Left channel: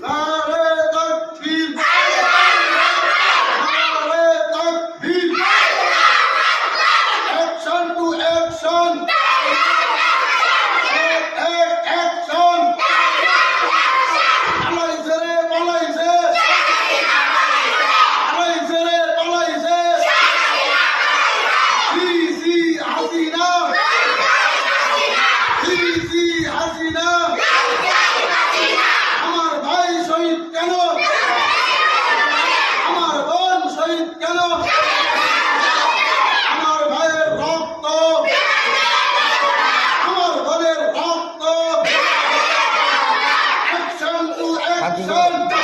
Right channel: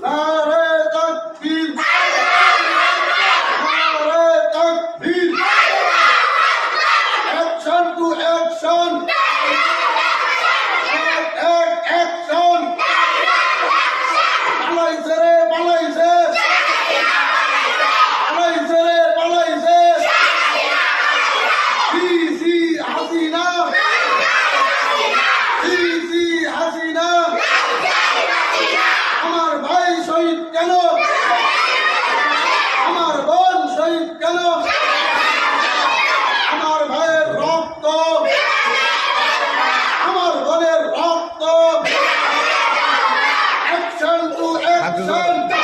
নারে তাকবীর, নারে তাকবীর, অ্যাকশন টু অ্যাকশন, অ্যাকশন, পালাইছে রে পালাইছে, পালাইছে রে পালাইছে, সিসি হাসিনা, সিসি হাসিনা, আমার ভাই শহীদ কেন, আমার বোন শহীদ কেন, আমার ভাইয়ের রক্ত, আমার বোনের রক্ত, অ্যাকশন টু অ্যাকশন।